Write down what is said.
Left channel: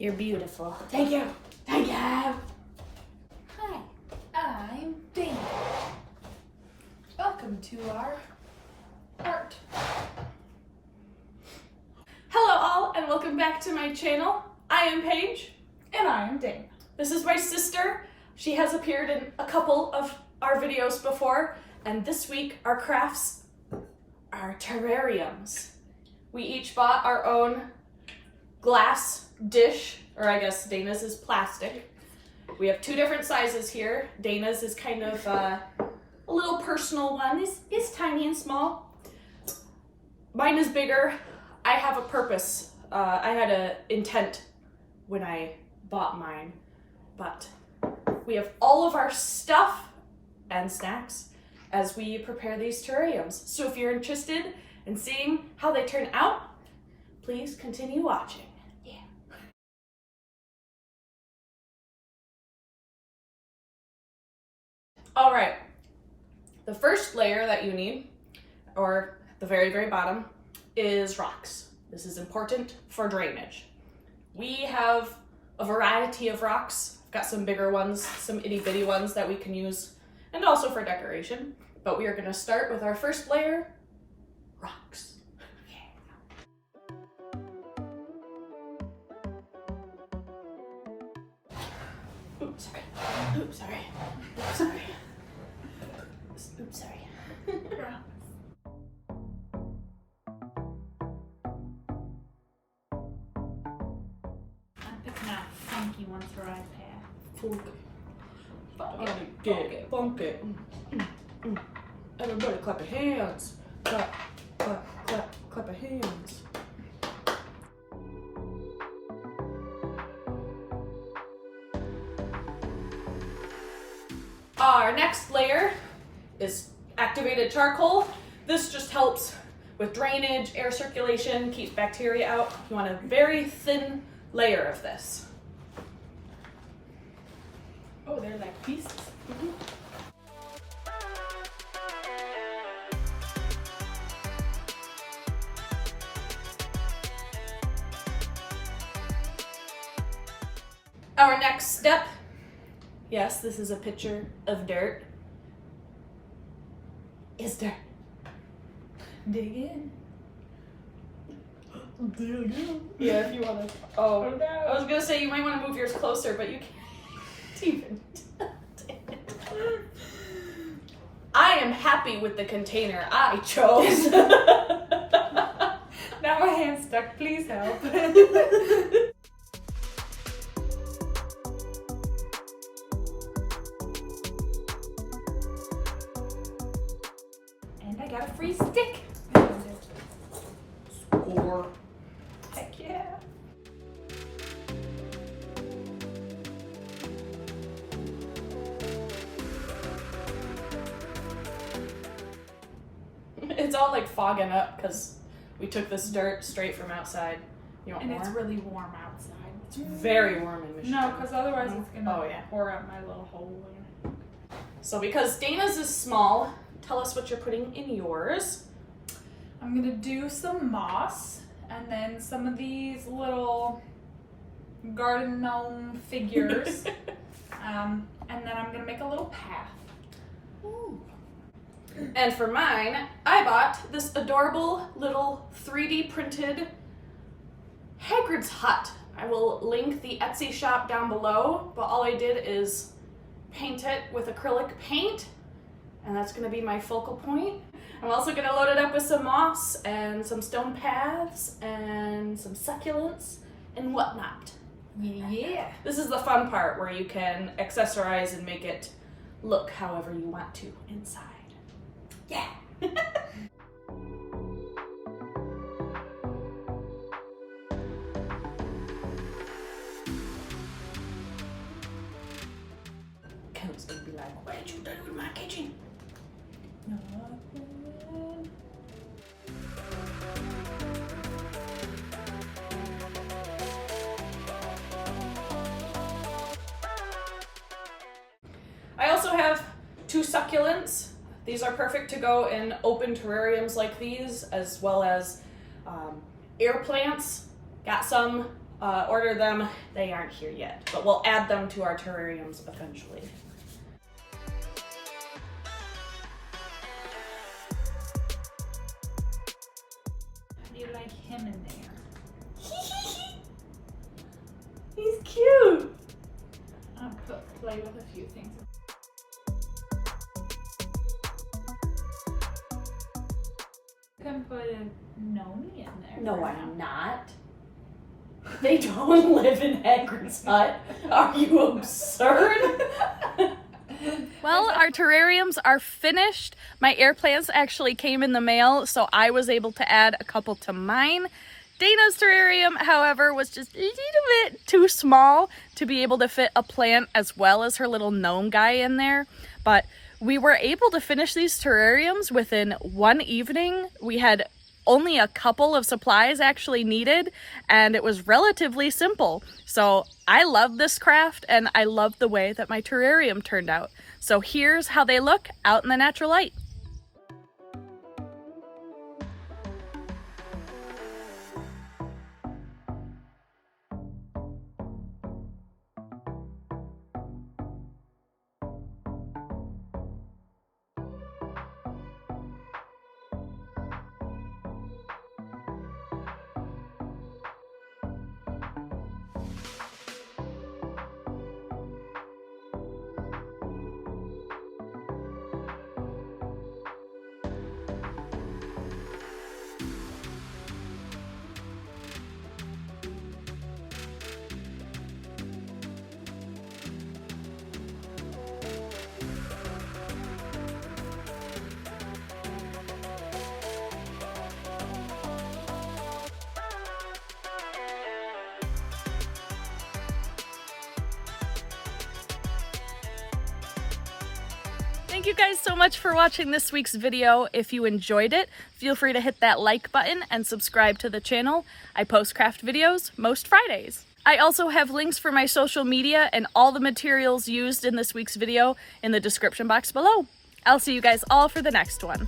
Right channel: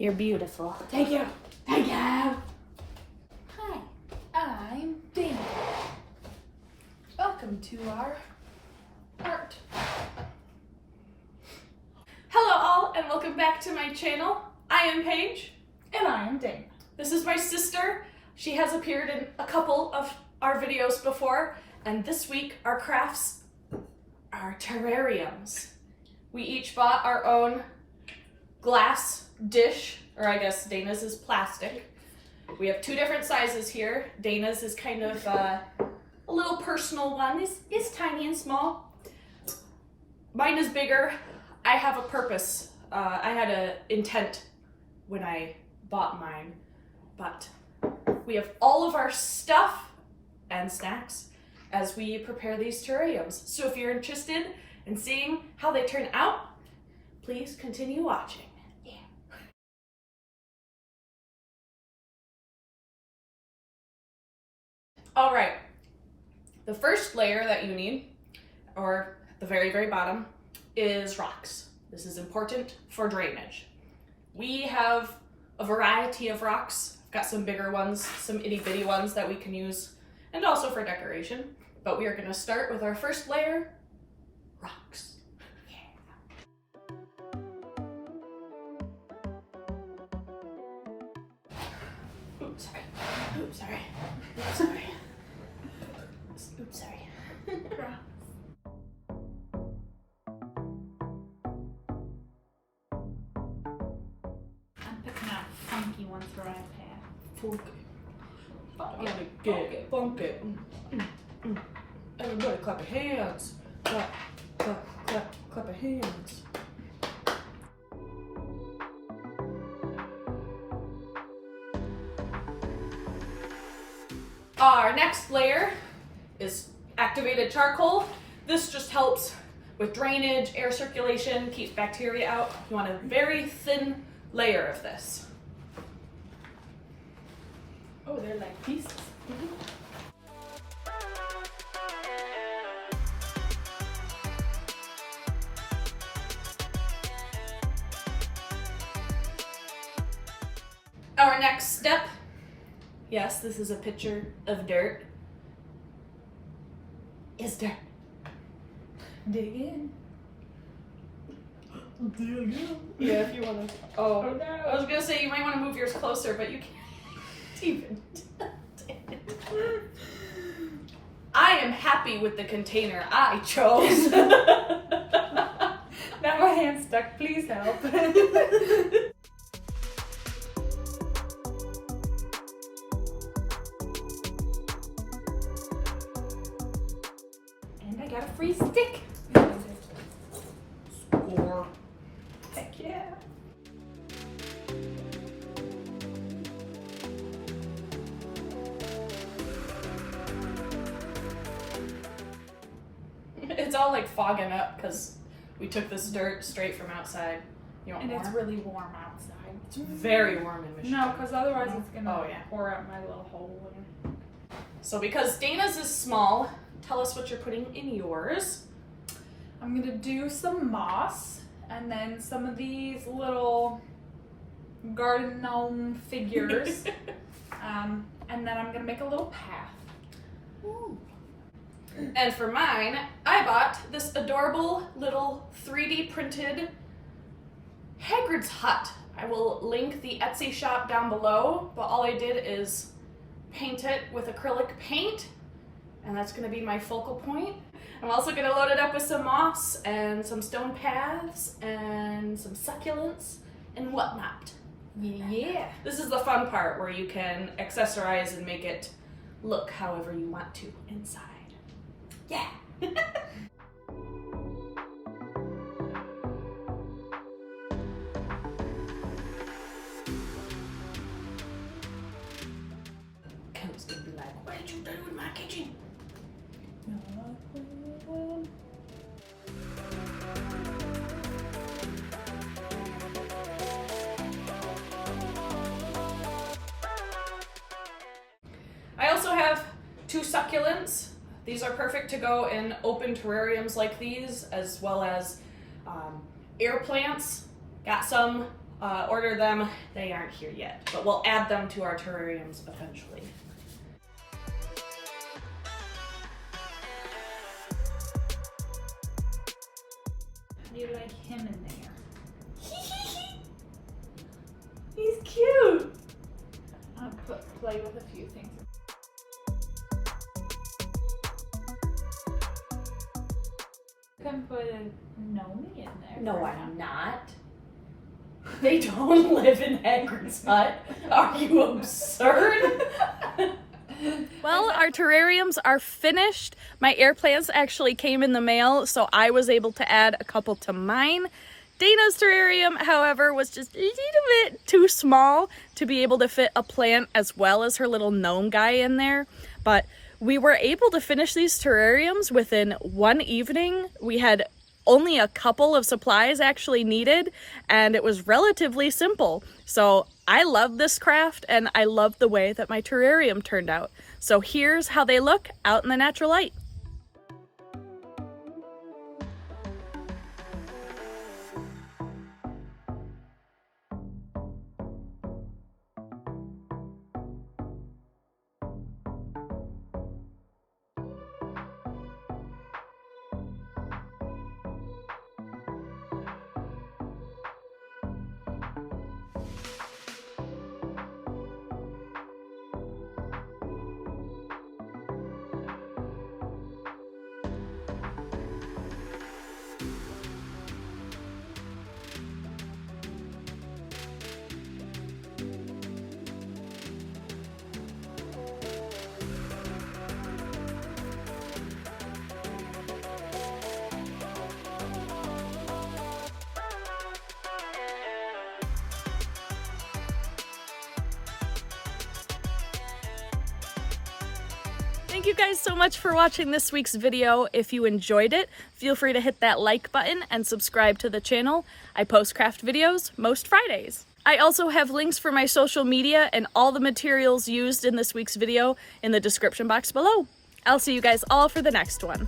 You're beautiful. Thank you. Thank you. Hi, I'm Dana. Welcome to our art. Hello all and welcome back to my channel. I am Paige. And I am Dana. This is my sister. She has appeared in a couple of our videos before, and this week our crafts are terrariums. We each bought our own glass dish, or I guess Dana's is plastic. We have two different sizes here. Dana's is kind of a little personal one. It's tiny and small. Mine is bigger. I have a purpose. I had an intent when I bought mine, but we have all of our stuff and snacks as we prepare these terrariums. So if you're interested in seeing how they turn out, please continue watching. Yeah. All right, the first layer that you need, or the very, very bottom, is rocks. This is important for drainage. We have a variety of rocks. I've got some bigger ones, some itty bitty ones that we can use, and also for decoration. But we are gonna start with our first layer, rocks. Yeah. Oops, sorry. Oops, sorry. Oops, sorry. Oops, sorry. I'm picking out funky ones for iPad. Funky. Funky. Funky. Everybody clap your hands. Clap, clap, clap, clap your hands. Our next layer is activated charcoal. This just helps with drainage, air circulation, keeps bacteria out. You want a very thin layer of this. Oh, they're like pieces. Mm-hmm. Our next step, yes, this is a picture of dirt, is dirt. Dig in. Dig in. Yeah, if you want to. Oh, no. I was gonna say you might want to move yours closer, but you can't even. I am happy with the container I chose. Now my hand's stuck. Please help. And I got a free stick. Score. Heck yeah. It's all like fogging up because we took this dirt straight from outside. You want And more? it's really warm outside. It's very warm in Michigan. No, because otherwise it's gonna Oh, yeah. pour out my little hole. So because Dana's is small, tell us what you're putting in yours. I'm gonna do some moss and then some of these little garden gnome figures. And then I'm gonna make a little path. Ooh. And for mine, I bought this adorable little 3D printed Hagrid's hut. I will link the Etsy shop down below, but all I did is paint it with acrylic paint, and that's gonna be my focal point. I'm also gonna load it up with some moss and some stone paths and some succulents and whatnot. Yeah. This is the fun part where you can accessorize and make it look however you want to inside. Yeah. Kent's gonna be like, what did you do with my kitchen? Nothing. I also have two succulents. These are perfect to go in open terrariums like these, as well as air plants. Got some order them. They aren't here yet, but we'll add them to our terrariums eventually. You like him in there? He's cute. I'll play with a few things. You can put a gnome in there. No, I'm not. They don't live in Hagrid's hut. Are you absurd? Well, our terrariums are finished. My air plants actually came in the mail, so I was able to add a couple to mine. Dana's terrarium, however, was just a little bit too small to be able to fit a plant as well as her little gnome guy in there. But we were able to finish these terrariums within one evening. We had only a couple of supplies actually needed, and it was relatively simple. So I love this craft, and I love the way that my terrarium turned out. So here's how they look out in the natural light. Thank you guys so much for watching this week's video. If you enjoyed it, feel free to hit that like button and subscribe to the channel. I post craft videos most Fridays. I also have links for my social media and all the materials used in this week's video in the description box below. I'll see you guys all for the next one.